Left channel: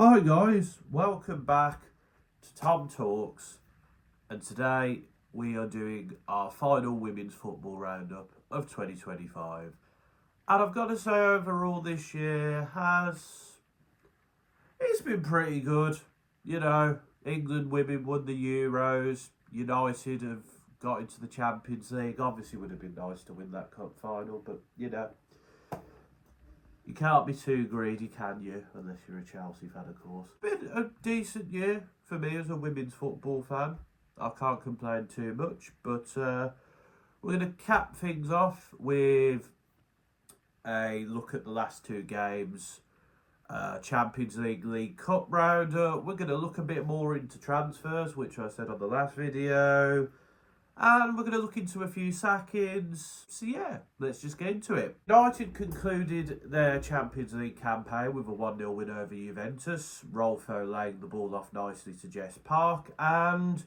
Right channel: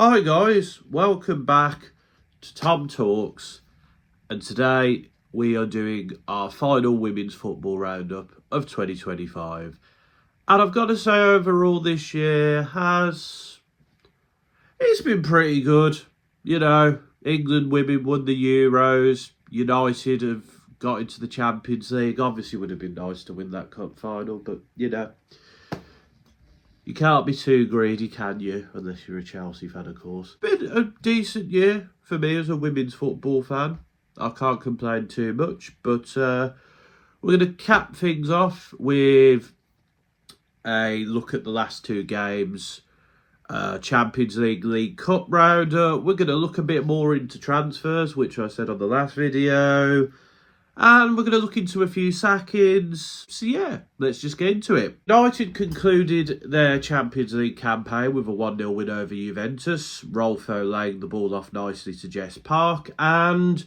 Hi guys, welcome back to Tom Talks, and today we are doing our final women's football roundup of 2025. And I've got to say, overall this year it's been pretty good. England women won the Euros, United have got into the Champions League. Obviously would have been nice to win that cup final, but you can't be too greedy, can you? Unless you're a Chelsea fan, of course. Been a decent year for me as a women's football fan. I can't complain too much. But we're going to cap things off with a look at the last two games. Champions League Cup roundup. We're going to look a bit more into transfers, which I said on the last video. And we're going to look into a few sackings. So yeah, let's just get into it. United concluded their Champions League campaign with a 1-0 win over Juventus. Rolfo laying the ball off nicely to Jess Park. And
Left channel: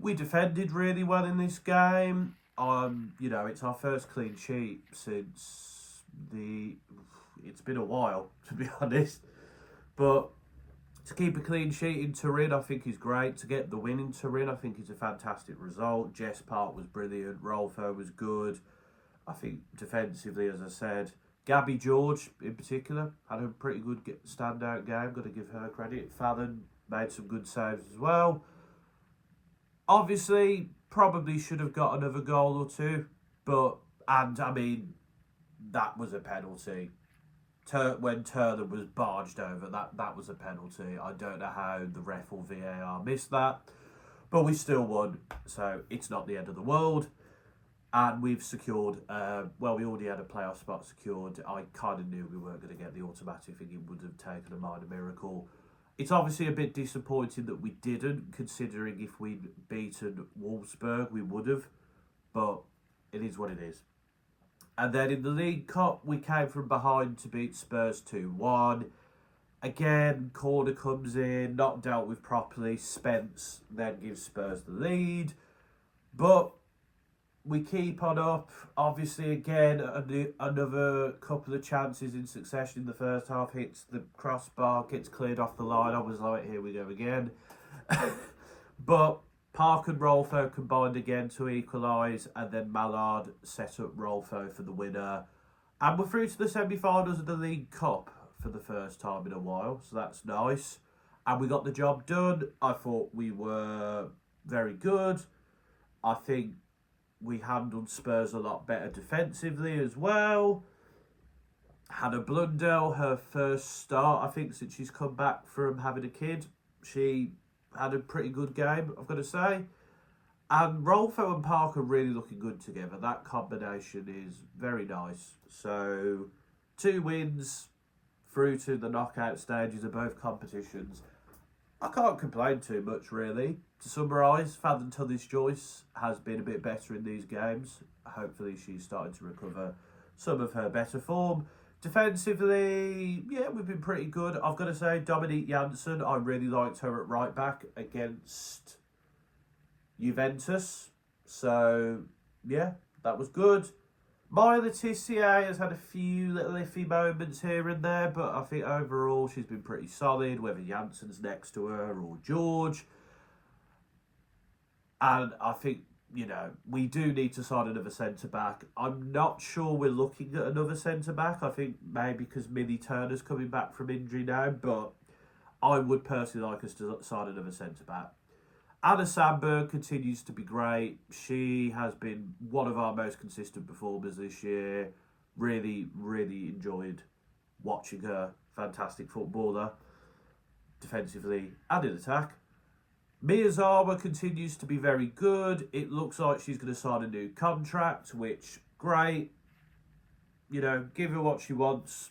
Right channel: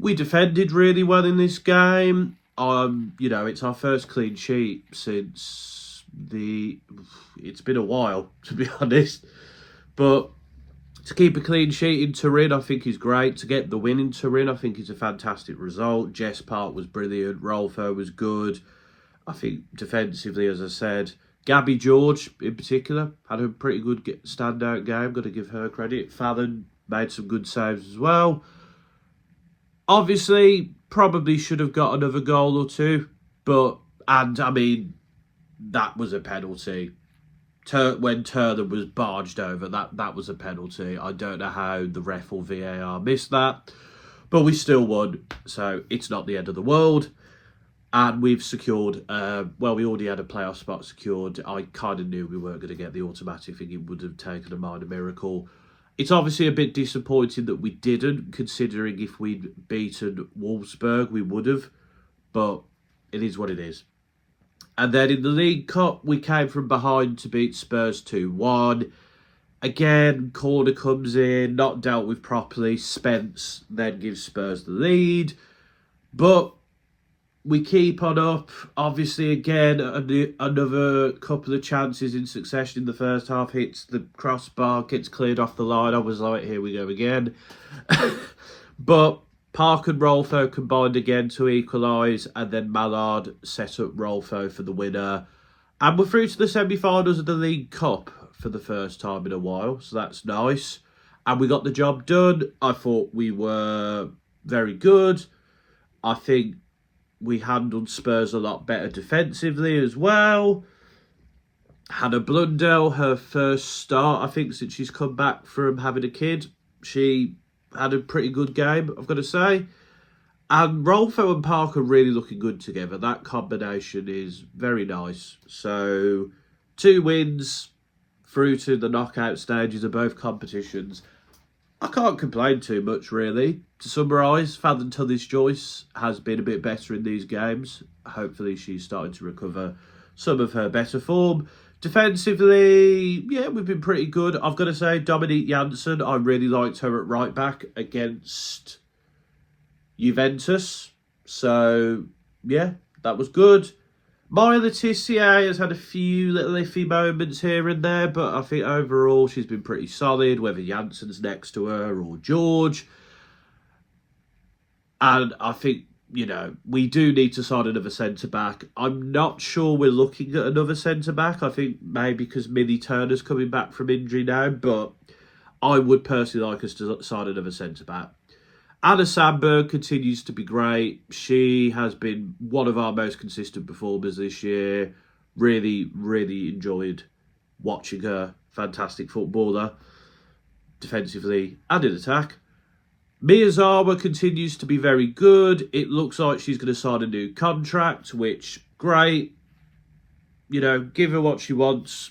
we defended really well in this game. It's our first clean sheet since it's been a while, to be honest. But to keep a clean sheet in Turin, I think is great. To get the win in Turin, I think is a fantastic result. Jess Park was brilliant. Rolfo was good. I think defensively, as I said, Gabby George in particular had a pretty good standout game. Got to give her credit. Fallon made some good saves as well. Obviously, probably should have got another goal or two, that was a penalty. When Turner was barged over, that was a penalty. I don't know how the ref or VAR missed that, but we still won, so it's not the end of the world. And we've secured, we already had a playoff spot secured. I kind of knew we weren't going to get the automatic thing. It would have taken a minor miracle. It's obviously a bit disappointing that we didn't, considering if we'd beaten Wolfsburg, we would have, but it is what it is. And then in the League Cup, we came from behind to beat Spurs 2-1. Again, corner comes in, not dealt with properly. Spence then gives Spurs the lead. But we keep on up. Obviously, again, another couple of chances in succession in the first half. Hits the crossbar, gets cleared off the line. I was like, here we go again. But Park and Rolfo combined again to equalise, and then Mallard set up Rolfo for the winner. And we're through to the semi-finals of the League Cup for the first time in a while, so that's nice. And we got the job done. I thought we were very good. I think we handled Spurs a lot better defensively as well. Hannah Blundell, her first start, I think, since she's come back from having a kid. She had a pretty good game, I've got to say. And Rolfo and Park are really looking good together. That combination is very nice. So, 2 wins through to the knockout stages of both competitions. I can't complain too much, really. To summarise, Fallon Tullis-Joyce has been a bit better in these games. Hopefully she's starting to recover some of her better form. Defensively, yeah, we've been pretty good. I've got to say, Dominique Janssen, I really liked her at right back against Juventus. So, yeah, that was good. Maya Letitia has had a few little iffy moments here and there, but I think overall she's been pretty solid, whether Janssen's next to her or George. And I think, we do need to sign another centre-back. I'm not sure we're looking at another centre-back. I think maybe because Millie Turner's coming back from injury now, but I would personally like us to sign another centre-back. Anna Sandberg continues to be great. She has been one of our most consistent performers this year. Really, really enjoyed watching her. Fantastic footballer, defensively and in attack. Miyazawa continues to be very good. It looks like she's going to sign a new contract, which, great. Give her what she wants.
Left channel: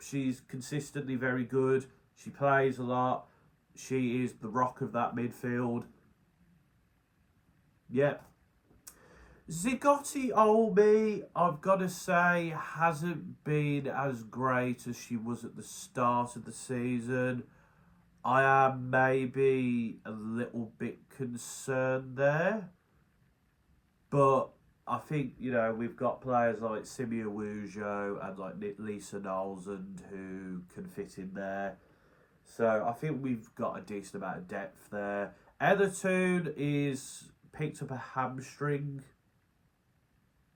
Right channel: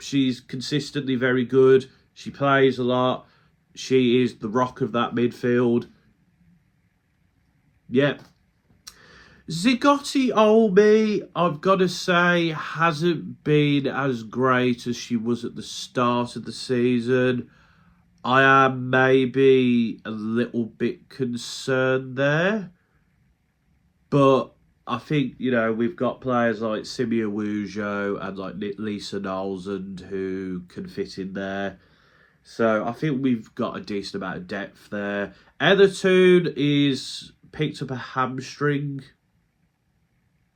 She's consistently very good. She plays a lot. She is the rock of that midfield. Yeah. Zigotti Olmi, I've got to say, hasn't been as great as she was at the start of the season. I am maybe a little bit concerned there. But I think, we've got players like Simia Wujo and like Lisa Nolsund who can fit in there. So I think we've got a decent amount of depth there. Etherton is picked up a hamstring,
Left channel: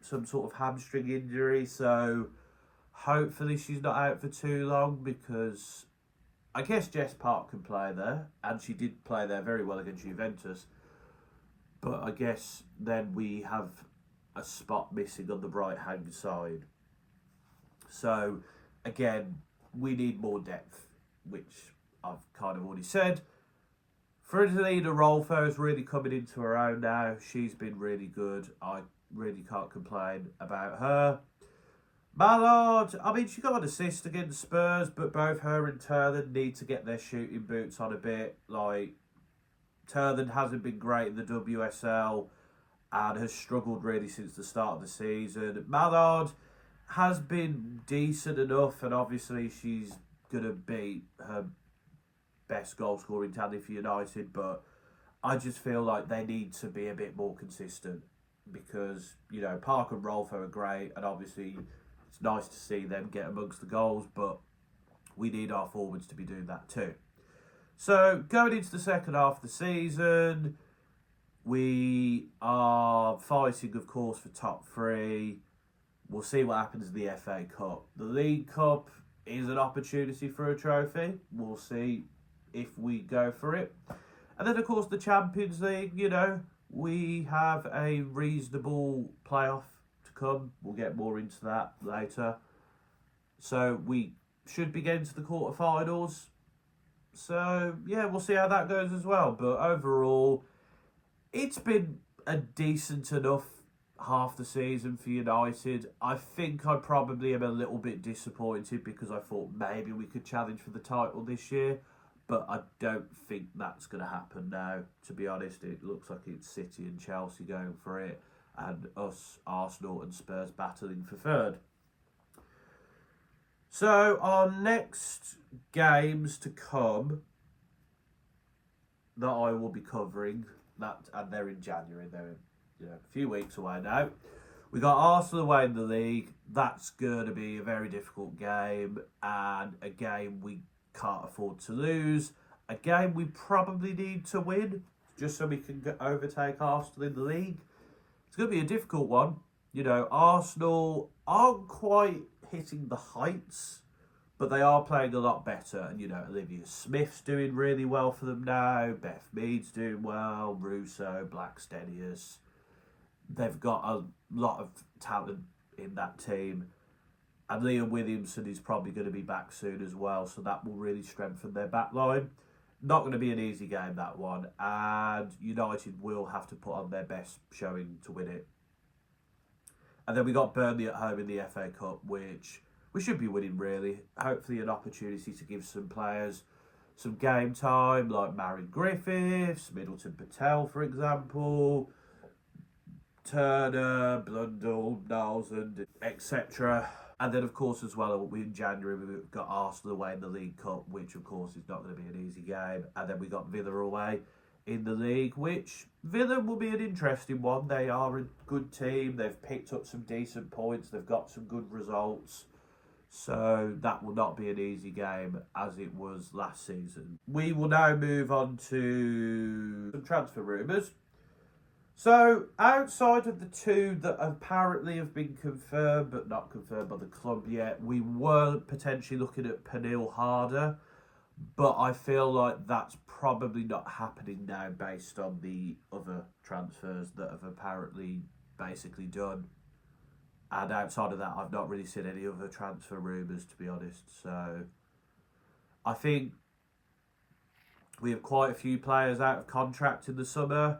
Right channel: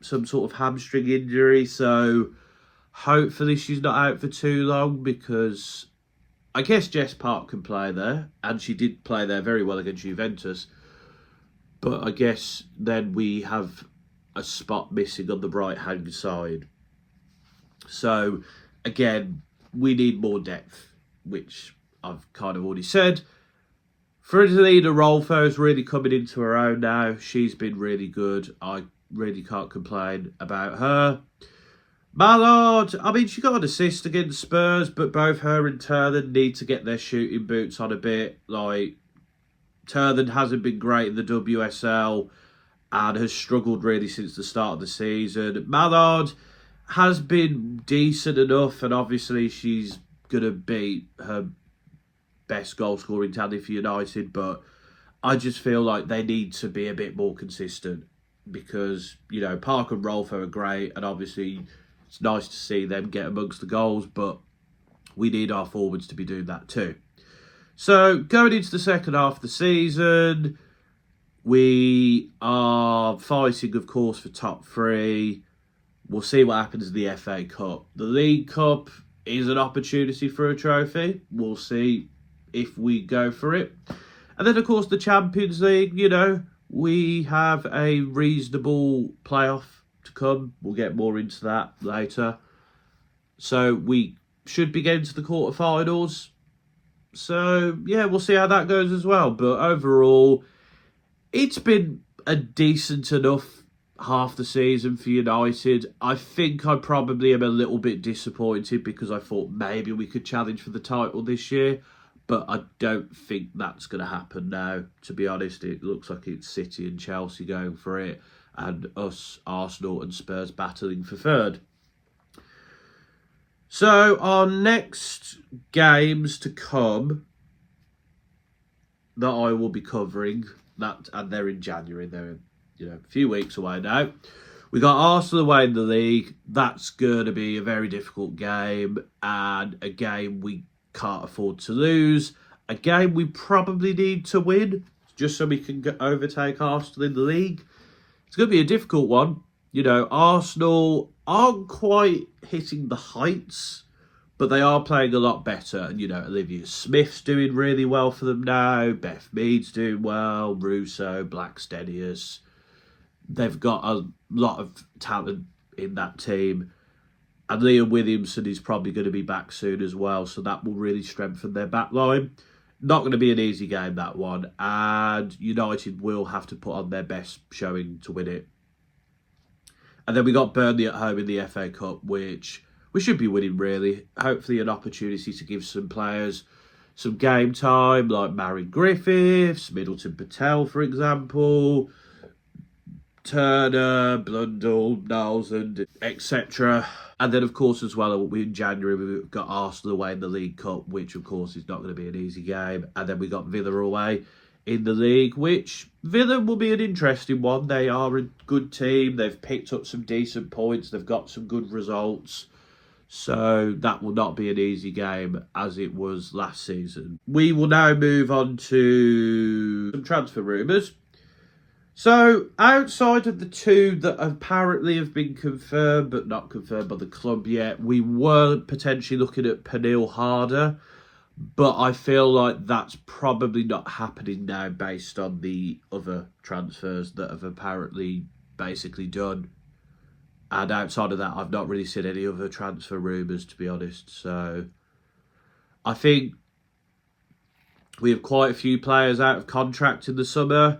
some sort of hamstring injury. So hopefully she's not out for too long, because I guess Jess Park can play there, and she did play there very well against Juventus. But I guess then we have a spot missing on the right-hand side. So, again, we need more depth, which I've kind of already said. Fridolina Rolfo's really coming into her own now. She's been really good. I really can't complain about her. Mallard, I mean, she got an assist against Spurs, but both her and Turner need to get their shooting boots on a bit. Like, Turner hasn't been great in the WSL and has struggled really since the start of the season. Mallard has been decent enough, and obviously she's going to beat her best goal-scoring talent for United, but I just feel like they need to be a bit more consistent, because, you know, Park and Rolfo are great, and obviously it's nice to see them get amongst the goals, but we need our forwards to be doing that too. So, going into the second half of the season, we are fighting, of course, for top 3. We'll see what happens in the FA Cup. The League Cup is an opportunity for a trophy. We'll see if we go for it. And then, of course, the Champions League, you know, we have a reasonable playoff to come. We'll get more into that later. So we should be getting to the quarterfinals. So, yeah, we'll see how that goes as well. But overall, it's been a decent enough half the season for United. I think I probably am a little bit disappointed, because I thought maybe we could challenge for the title this year. But I don't think that's going to happen now. To be honest, it looks like it's City and Chelsea going for it, and us, Arsenal and Spurs battling for third. So our next games to come that I will be covering, and they're in January. They're, you know, a few weeks away now. We got Arsenal away in the league. That's going to be a very difficult game, and a game we can't afford to lose. A game we probably need to win, just so we can overtake Arsenal in the league. It's going to be a difficult one. You know, Arsenal aren't quite hitting the heights, but they are playing a lot better. And, you know, Olivia Smith's doing really well for them now. Beth Mead's doing well. Russo, Blackstenius. They've got a lot of talent in that team. And Leah Williamson is probably going to be back soon as well, so that will really strengthen their back line. Not going to be an easy game, that one. And United will have to put on their best showing to win it. And then we got Burnley at home in the FA Cup, which we should be winning, really. Hopefully an opportunity to give some players some game time, like Marion Griffiths, Middleton Patel, for example, Turner, Blundell, Knowles, and etc. And then, of course, as well, in January, we've got Arsenal away in the League Cup, which, of course, is not going to be an easy game. And then we got Villa away in the league, which Villa will be an interesting one. They are a good team. They've picked up some decent points. They've got some good results. So that will not be an easy game, as it was last season. We will now move on to some transfer rumours. So, outside of the 2 that apparently have been confirmed, but not confirmed by the club yet, we were potentially looking at Pernille Harder, but I feel like that's probably not happening now based on the other transfers that have apparently basically done. And outside of that, I've not really seen any other transfer rumours, to be honest. So, I think we have quite a few players out of contract in the summer.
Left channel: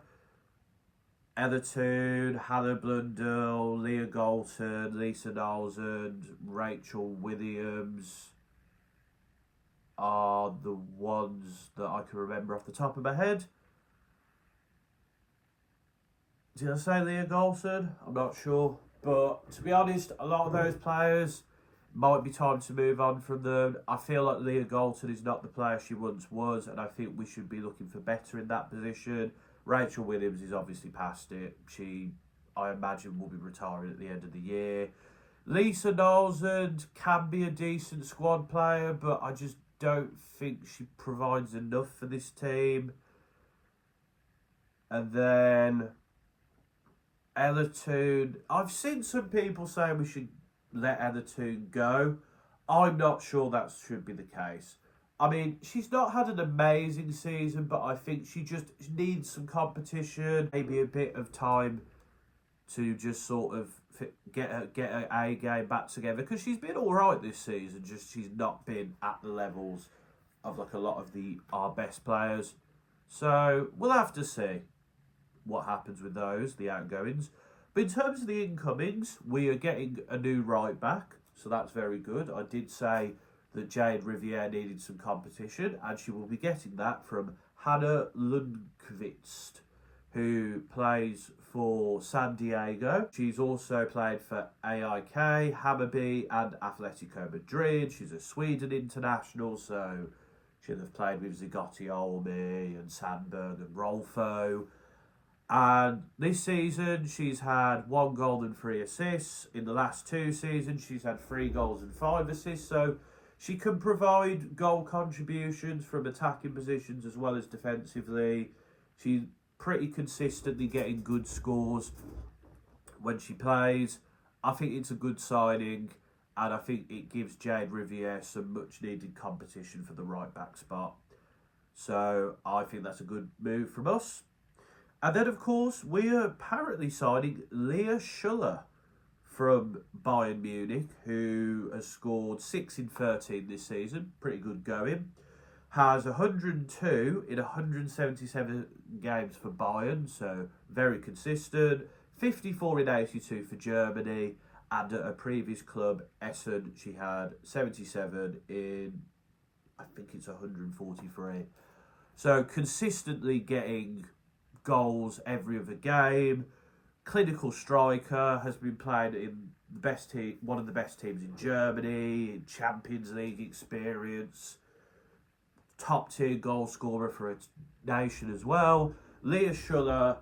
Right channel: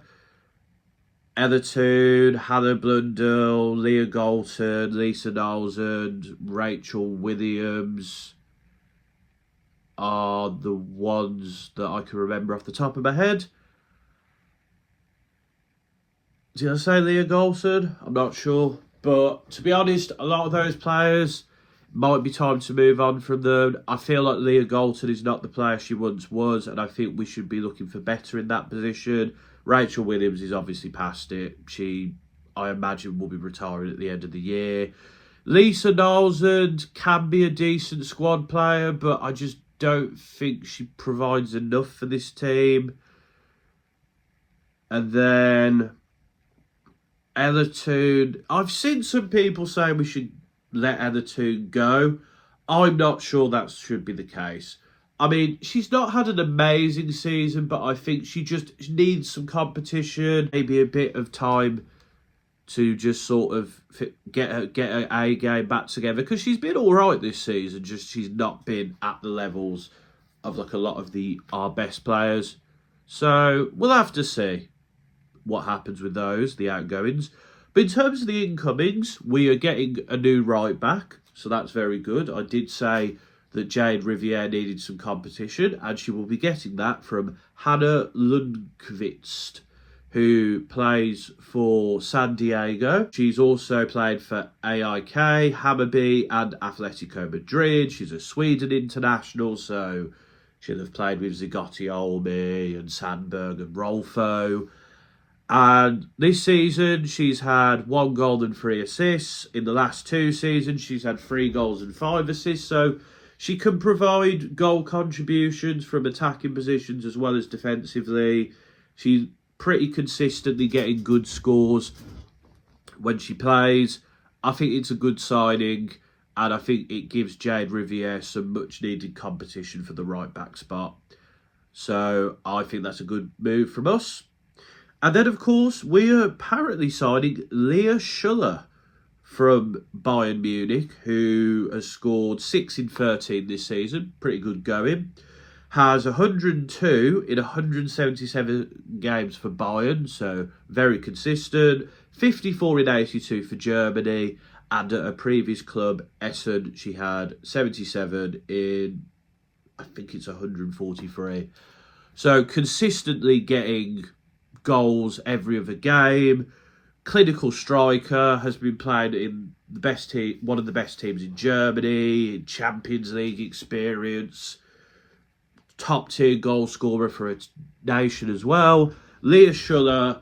Etherton, Hannah Blundell, Leah Galton, Lisa Knowles and Rachel Williams are the ones that I can remember off the top of my head. Did I say Leah Galton? I'm not sure. But to be honest, a lot of those players, might be time to move on from them. I feel like Leah Galton is not the player she once was, and I think we should be looking for better in that position. Rachel Williams is obviously past it. She, I imagine, will be retiring at the end of the year. Lisa Knowles can be a decent squad player, but I just don't think she provides enough for this team. And then Ella Toon. I've seen some people say we should let Ella Toon go. I'm not sure that should be the case. I mean, she's not had an amazing season, but I think she just needs some competition, maybe a bit of time to just sort of get her A game back together, because she's been all right this season. Just she's not been at the levels of like a lot of our best players. So we'll have to see what happens with those, the outgoings. But in terms of the incomings, we are getting a new right back, so that's very good. I did say that Jade Riviere needed some competition, and she will be getting that from Hannah Lundqvist, who plays for San Diego. She's also played for AIK, Hammarby and Atletico Madrid. She's a Sweden international, so she'll have played with Zigotti Olmi and Sandberg and Rolfo. And this season, she's had 1 goal and 3 assists. In the last 2 seasons, she's had 3 goals and 5 assists. So she can provide goal contributions from attacking positions as well as defensively. She's pretty consistently getting good scores when she plays. I think it's a good signing, and I think it gives Jade Riviere some much needed competition for the right back spot. So I think that's a good move from us. And then, of course, we are apparently signing Leah Schuller from Bayern Munich, who has scored 6 in 13 this season. Pretty good going. Has 102 in 177 games for Bayern, so very consistent. 54 in 82 for Germany. And at her previous club, Essen, she had 77 in, I think it's 143. So consistently getting goals every other game. Clinical striker, has been playing in the best team, one of the best teams in Germany, Champions League experience, top tier goal scorer for its nation as well. Leah Schuller,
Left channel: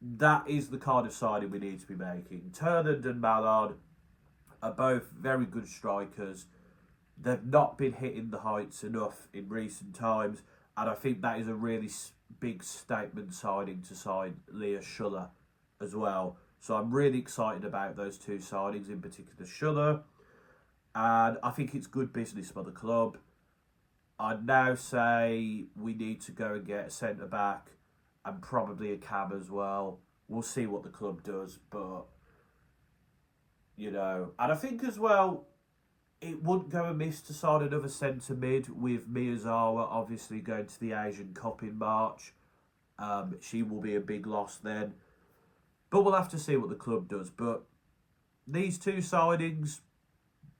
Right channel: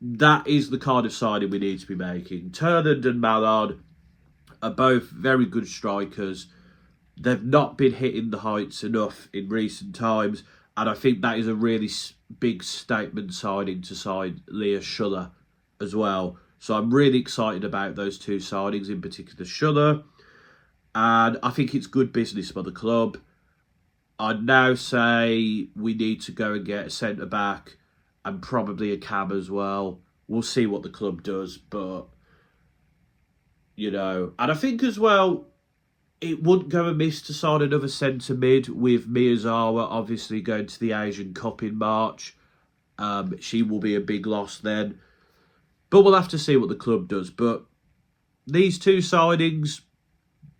that is the kind of signing we need to be making. Turnand and Mallard are both very good strikers. They've not been hitting the heights enough in recent times, and I think that is a really big statement signing to sign Leah Schuller as well. So I'm really excited about those 2 signings, in particular Schuller. And I think it's good business for the club. I'd now say we need to go and get a centre-back and probably a cam as well. We'll see what the club does, but, you know. And I think as well, it wouldn't go amiss to sign another centre mid, with Miyazawa obviously going to the Asian Cup in March. She will be a big loss then. But we'll have to see what the club does. But these 2 signings,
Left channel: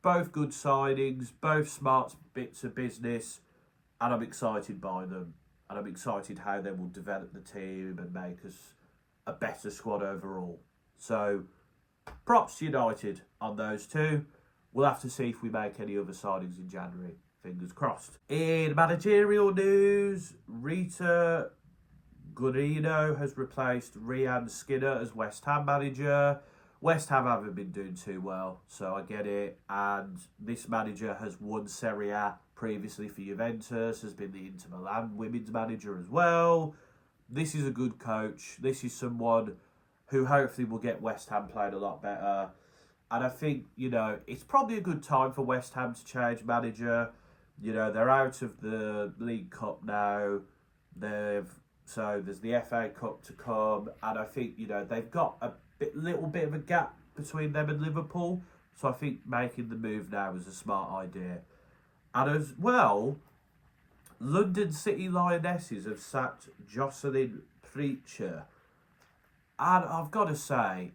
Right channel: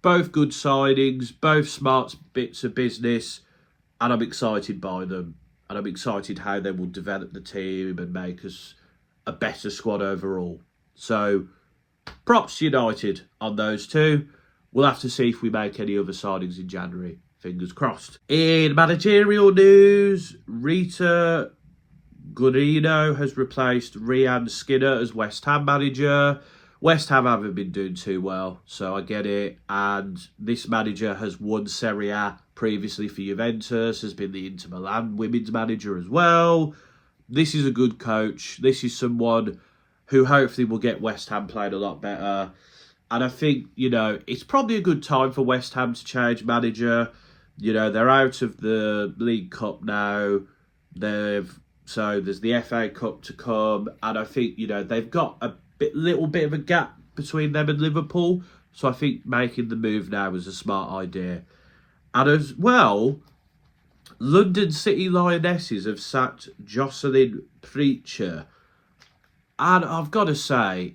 both good signings, both smart bits of business, and I'm excited by them. And I'm excited how they will develop the team and make us a better squad overall. So, props to United on those 2. We'll have to see if we make any other signings in January. Fingers crossed. In managerial news, Rita Guarino has replaced Rhian Skinner as West Ham manager. West Ham haven't been doing too well, so I get it. And this manager has won Serie A previously for Juventus, has been the Inter Milan women's manager as well. This is a good coach. This is someone who hopefully will get West Ham playing a lot better. And I think, you know, it's probably a good time for West Ham to change manager. You know, they're out of the League Cup now. So there's the FA Cup to come. And I think, you know, they've got a little bit of a gap between them and Liverpool. So I think making the move now is a smart idea. And as well, London City Lionesses have sacked Jocelyn Preacher. And I've got to say,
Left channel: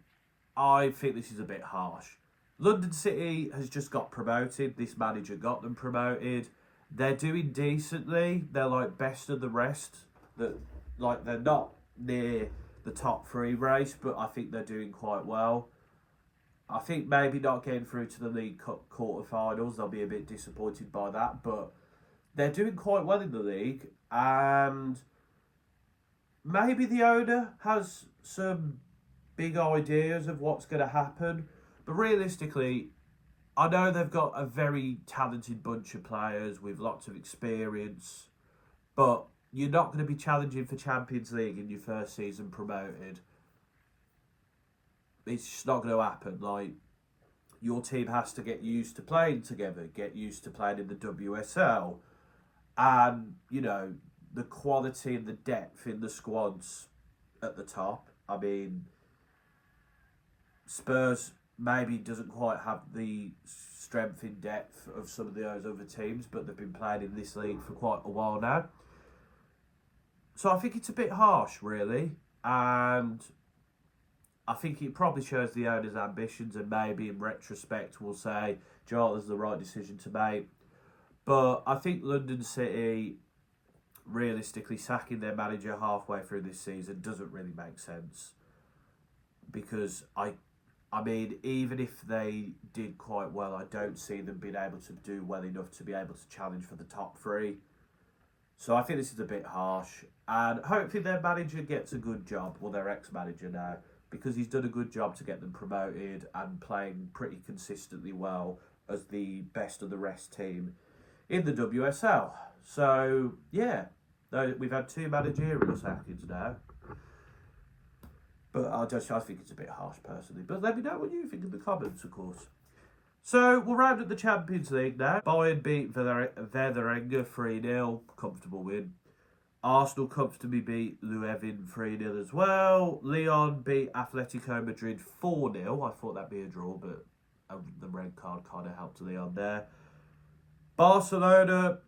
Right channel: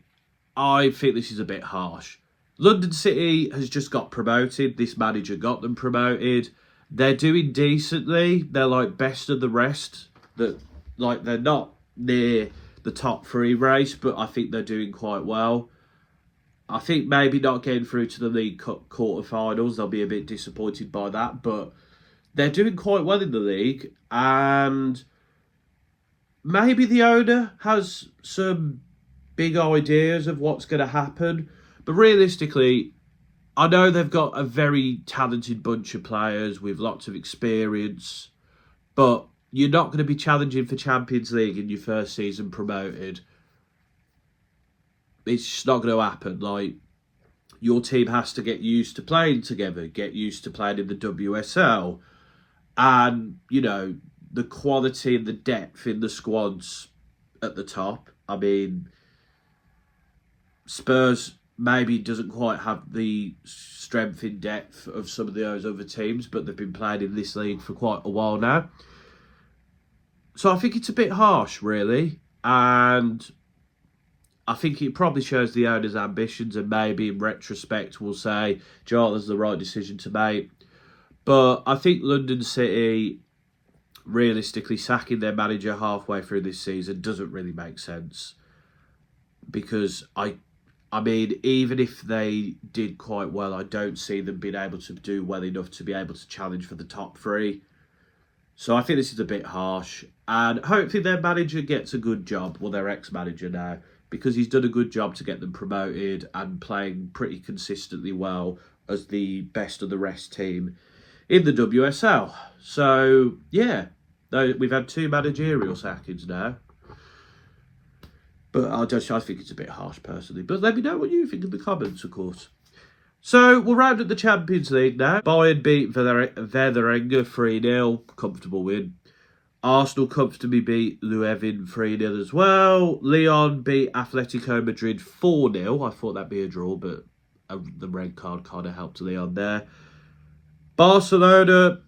I think this is a bit harsh. London City has just got promoted. This manager got them promoted. They're doing decently. They're like best of the rest. They're not near the top 3 race, but I think they're doing quite well. I think maybe not getting through to the League Cup quarterfinals, they'll be a bit disappointed by that, but they're doing quite well in the league, and maybe the owner has some big ideas of what's going to happen, but realistically, I know they've got a very talented bunch of players with lots of experience, but you're not going to be challenging for Champions League in your first season promoted. It's just not going to happen. Like, your team has to get used to playing together, get used to playing in the WSL, and, you know, the quality and the depth in the squads at the top. I mean, Spurs maybe doesn't quite have the strength in depth of some of those other teams, but they've been playing in this league for quite a while now. So I think it's a bit harsh, really, and I think it probably shows the owner's ambitions, and maybe in retrospect we'll say, Joel, that's the right decision to make. But I think London City, realistically, sacking their manager halfway through this season doesn't really make sense. Because, I mean, even if they did quite well, I don't see them being able to do well enough to be able to challenge for the top three. So I think this is a bit harsh. And hopefully their manager gets a good job, well, their ex-manager now, because he's done a good job to get them promoted and playing pretty consistently well as the best of the rest team in the WSL. So, yeah, we've had 2 managerial sackings now. But I think it's a bit harsh, personally. But let me know what you think in the comments, of course. So, we'll round up the Champions League now. Bayern beat Werder 3-0, comfortable win. Arsenal comfortably beat Leuven 3-0 as well. Lyon beat Atletico Madrid 4-0. I thought that'd be a draw, but the red card kind of helped Lyon there. Barcelona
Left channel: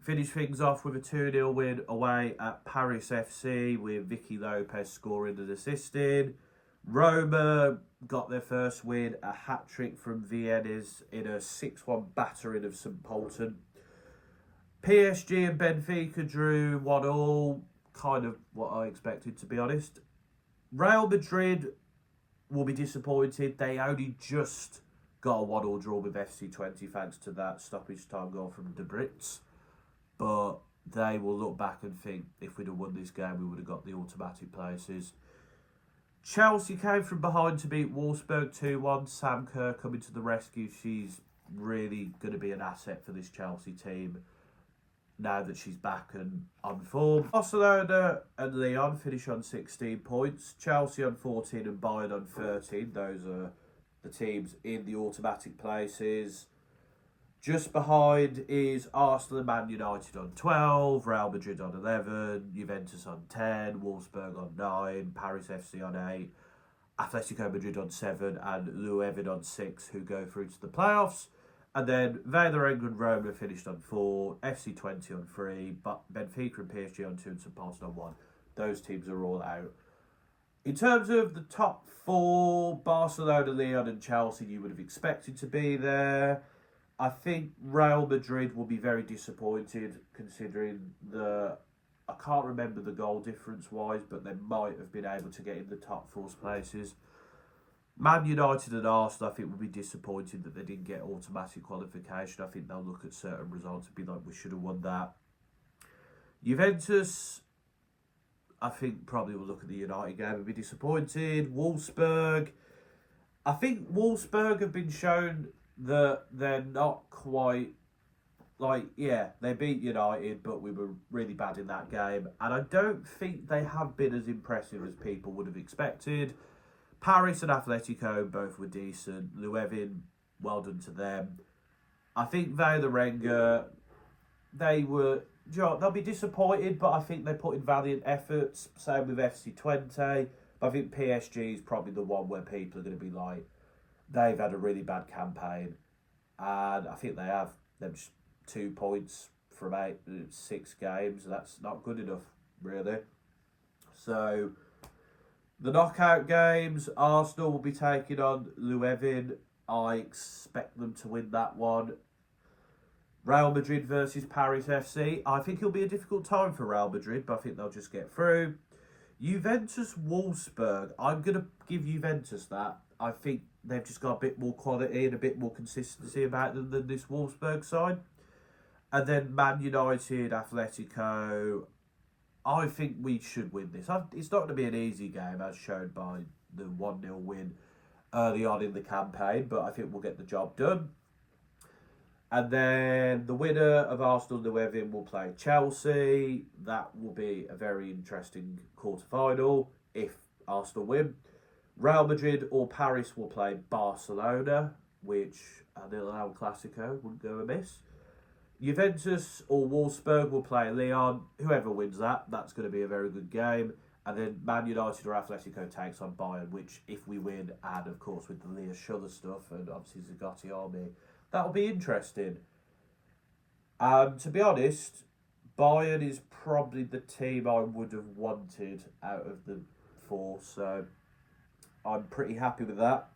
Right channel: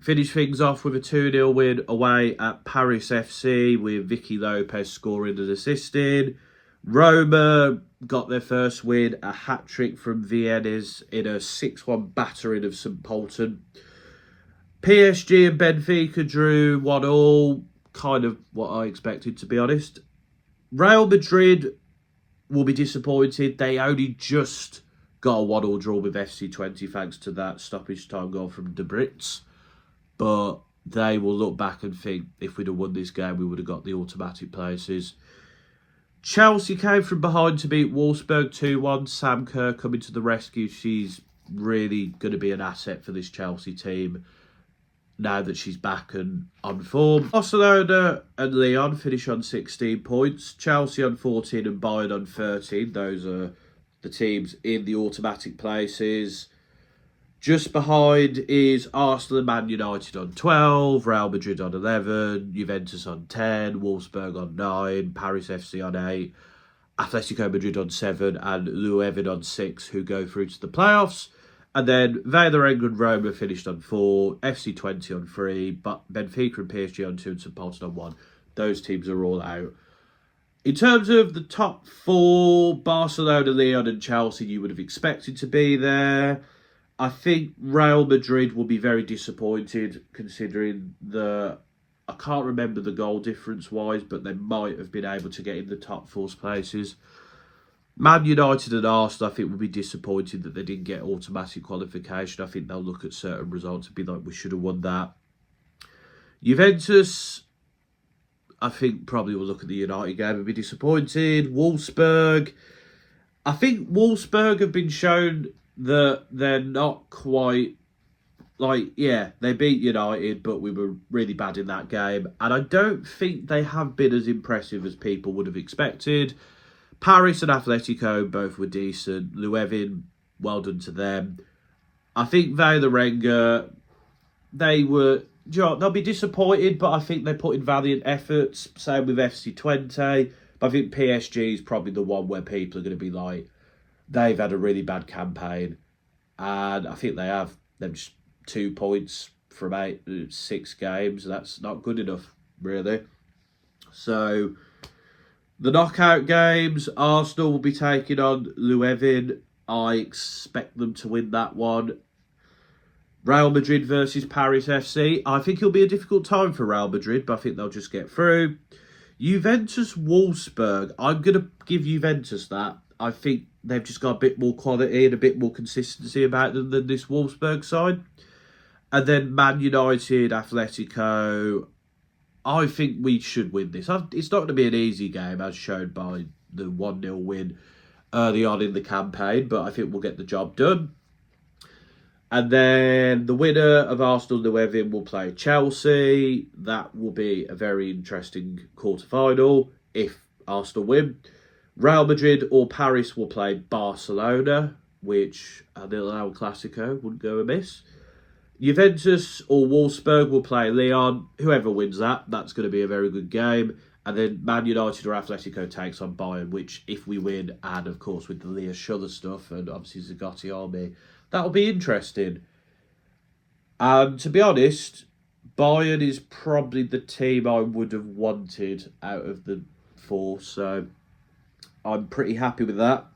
finished things off with a 2-0 win away at Paris FC, with Vicky Lopez scoring and assisting. Roma got their first win, a hat-trick from Viennes in a 6-1 battering of St Polten. PSG and Benfica drew 1-1, kind of what I expected, to be honest. Real Madrid will be disappointed. They only just got a 1-1 draw with FC20 thanks to that stoppage time goal from De Brits. But they will look back and think, if we'd have won this game, we would have got the automatic places. Chelsea came from behind to beat Wolfsburg 2-1. Sam Kerr coming to the rescue. She's really going to be an asset for this Chelsea team now that she's back and on form. Barcelona and Lyon finish on 16 points. Chelsea on 14 and Bayern on 13. Those are the teams in the automatic places. Just behind is Arsenal and Man United on 12, Real Madrid on 11, Juventus on 10, Wolfsburg on 9, Paris FC on 8, Atletico Madrid on 7 and Leuven on 6, who go through to the playoffs. And then Werder and Roma finished on 4, FC20 on 3, but Benfica and PSG on 2 and St Polten on 1. Those teams are all out. In terms of the top 4, Barcelona, Lyon and Chelsea, you would have expected to be there. I think Real Madrid will be very disappointed, considering I can't remember the goal difference-wise, but they might have been able to get in the top 4 places. Man United and Arsenal, I think, will be disappointed that they didn't get automatic qualification. I think they'll look at certain results and be like, we should have won that. Juventus, I think, probably will look at the United game and be disappointed. Wolfsburg, I think Wolfsburg have been shown that they're not quite, like, yeah, they beat United, but we were really bad in that game. And I don't think they have been as impressive as people would have expected. Paris and Atletico both were decent. Leuven, well done to them. I think Werder, they'll be disappointed, but I think they put in valiant efforts. Same with FC20. But I think PSG is probably the one where people are going to be like, they've had a really bad campaign. And I think they have. They've just 2 points from 6 games. That's not good enough, really. So, the knockout games, Arsenal will be taking on Leuven. I expect them to win that one. Real Madrid versus Paris FC. I think it'll be a difficult time for Real Madrid, but I think they'll just get through. Juventus Wolfsburg. I'm going to give Juventus that. I think they've just got a bit more quality and a bit more consistency about them than this Wolfsburg side. And then Man United, Atletico. I think we should win this. It's not going to be an easy game, as shown by the 1-0 win early on in the campaign, but I think we'll get the job done. And then the winner of Arsenal Women will play Chelsea. That will be a very interesting quarter-final if Arsenal win. Real Madrid or Paris will play Barcelona, which a little El Clasico wouldn't go amiss. Juventus or Wolfsburg will play Lyon. Whoever wins that, that's going to be a very good game. And then Man United or Atletico takes on Bayern, which if we win, and of course with the Leah Schuller stuff and obviously Zagatti Army, that'll be interesting. And to be honest, Bayern is probably the team I would have wanted out of the four, so I'm pretty happy with that.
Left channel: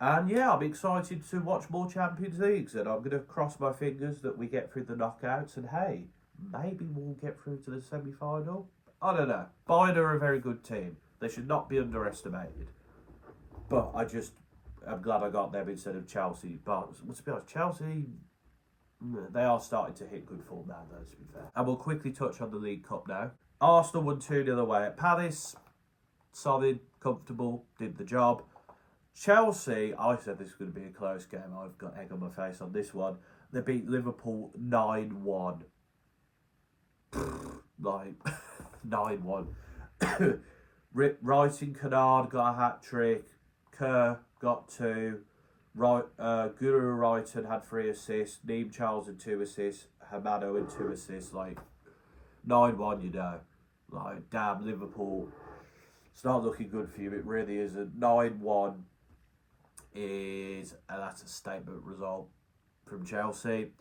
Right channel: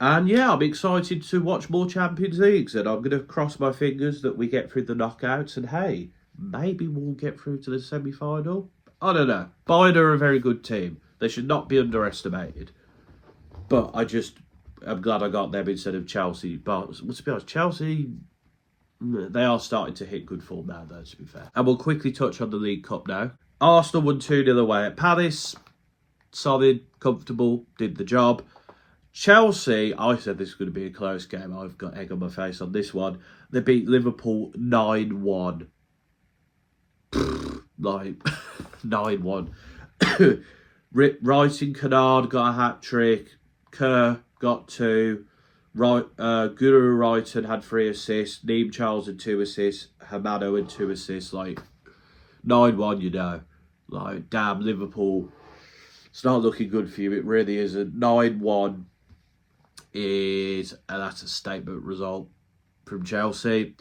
And yeah, I'm excited to watch more Champions Leagues, and I'm going to cross my fingers that we get through the knockouts, and hey, maybe we'll get through to the semi-final. I don't know. Bayern are a very good team. They should not be underestimated. But I'm glad I got them instead of Chelsea. But to be honest, Chelsea, they are starting to hit good form now, though, to be fair. And we'll quickly touch on the League Cup now. Arsenal won 2-0 away at Palace. Solid, comfortable, did the job. Chelsea, I said this was going to be a close game. I've got egg on my face on this one. They beat Liverpool 9-1. Like, 9-1. Wright and Kennard got a hat-trick. Kerr got 2. Guru Wrighton had 3 assists. Neem Charles had 2 assists. Hamano had 2 assists. Like, 9-1, you know. Like, damn, Liverpool. It's not looking good for you. It really isn't. 9-1 that's a statement result from Chelsea.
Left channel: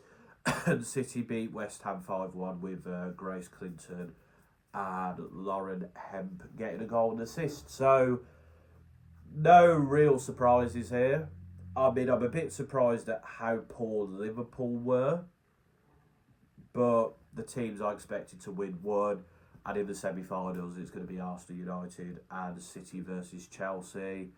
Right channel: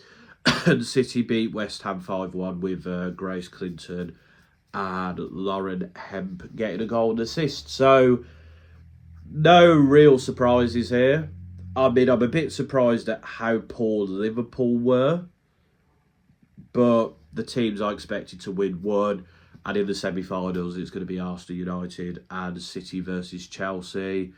And City beat West Ham 5-1 with Grace Clinton and Lauren Hemp getting a goal and assist. So, no real surprises here. I mean, I'm a bit surprised at how poor Liverpool were. But the teams I expected to win won. And in the semi-finals, it's going to be Arsenal United and City versus Chelsea.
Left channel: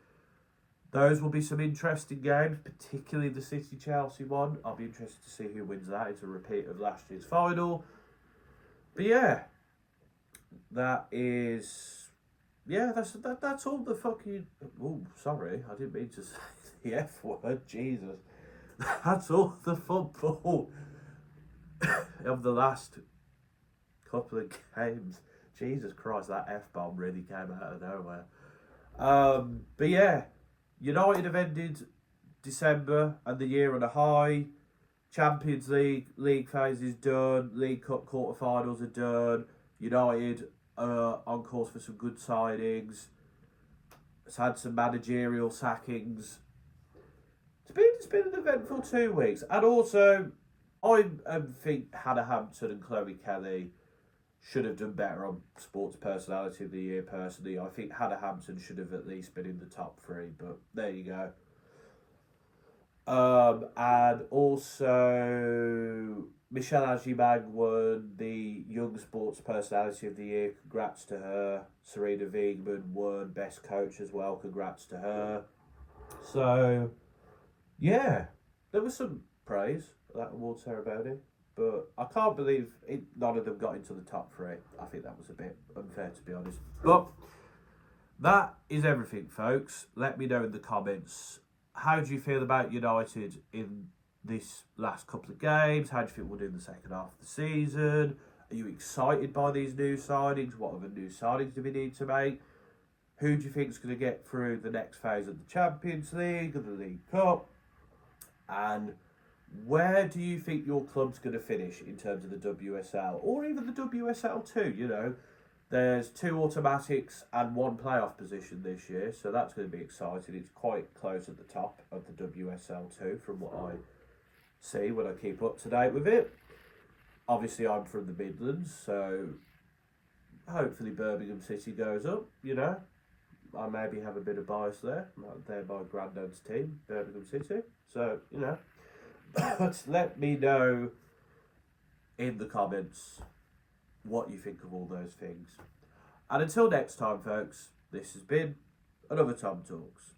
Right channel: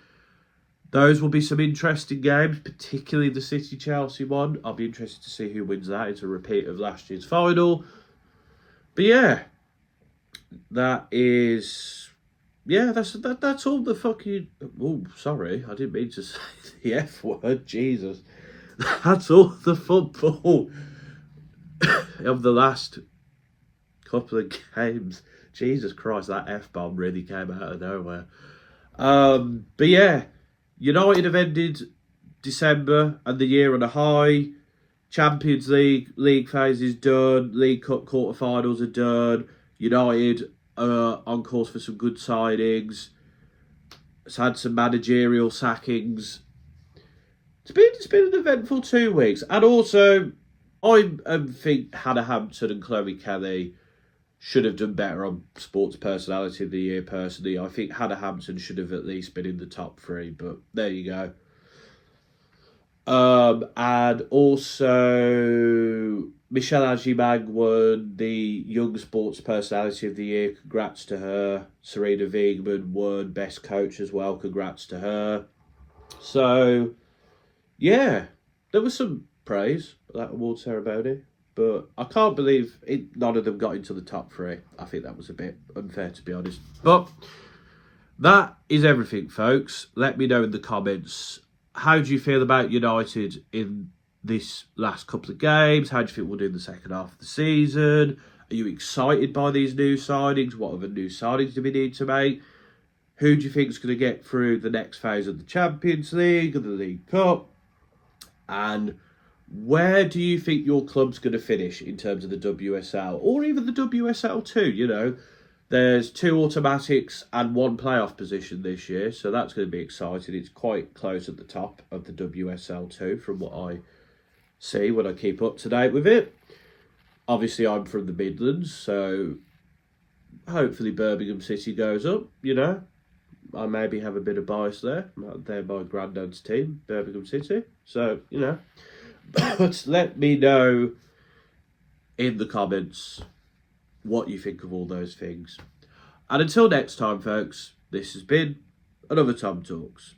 Those will be some interesting games, particularly the City-Chelsea one. I'll be interested to see who wins that. It's a repeat of last year's final. But yeah, that's all the fucking... Oh, sorry, I didn't mean to say the F word, Jesus. That's all the football of the last couple of games. Jesus Christ, that F-bomb really came out of nowhere. But yeah, United have ended December and the year on a high. Champions League phase is done. League Cup quarterfinals are done. United are on course for some good signings. It's had some managerial sackings. It's been an eventful 2 weeks. And also, I think Hannah Hampton and Chloe Kelly should have done better on Sports Personality of the Year, personally. I think Hannah Hampton should have at least been in the top 3, but there you go. And also, Michelle Ajimang won the Young Sports Personality of the Year. Congrats to her. Serena Wiegman won Best Coach as well. Congrats to her. So, yeah, there was some praise for that award ceremony. But I can't believe none of them got into the top 3. I think that was a bit unfair, to be honest. But that is everything, folks. Let me know in the comments. How do you feel about United in this last couple of games? How do you think we'll do in the second half of the season? Are you excited by these new signings? What other new signings do we need to make? Who do you think is going to get through the next phase of the Champions League and the League Cup? And where do you think your club's going to finish in terms of the WSL or even the WSL 2? You know, there's 2 automatics and 1 playoff position this year, so that's going to be exciting. It's quite close at the top of the WSL 2 from what I see when I keep up to date with it. Obviously, I'm from the Midlands, so hopefully Birmingham City goes up, you know. I maybe have a bit of bias there. They're my granddad's team, Birmingham City. So, you know. But let me know in the comments what you think of all those things. And until next time, folks, this has been another Tom Talks.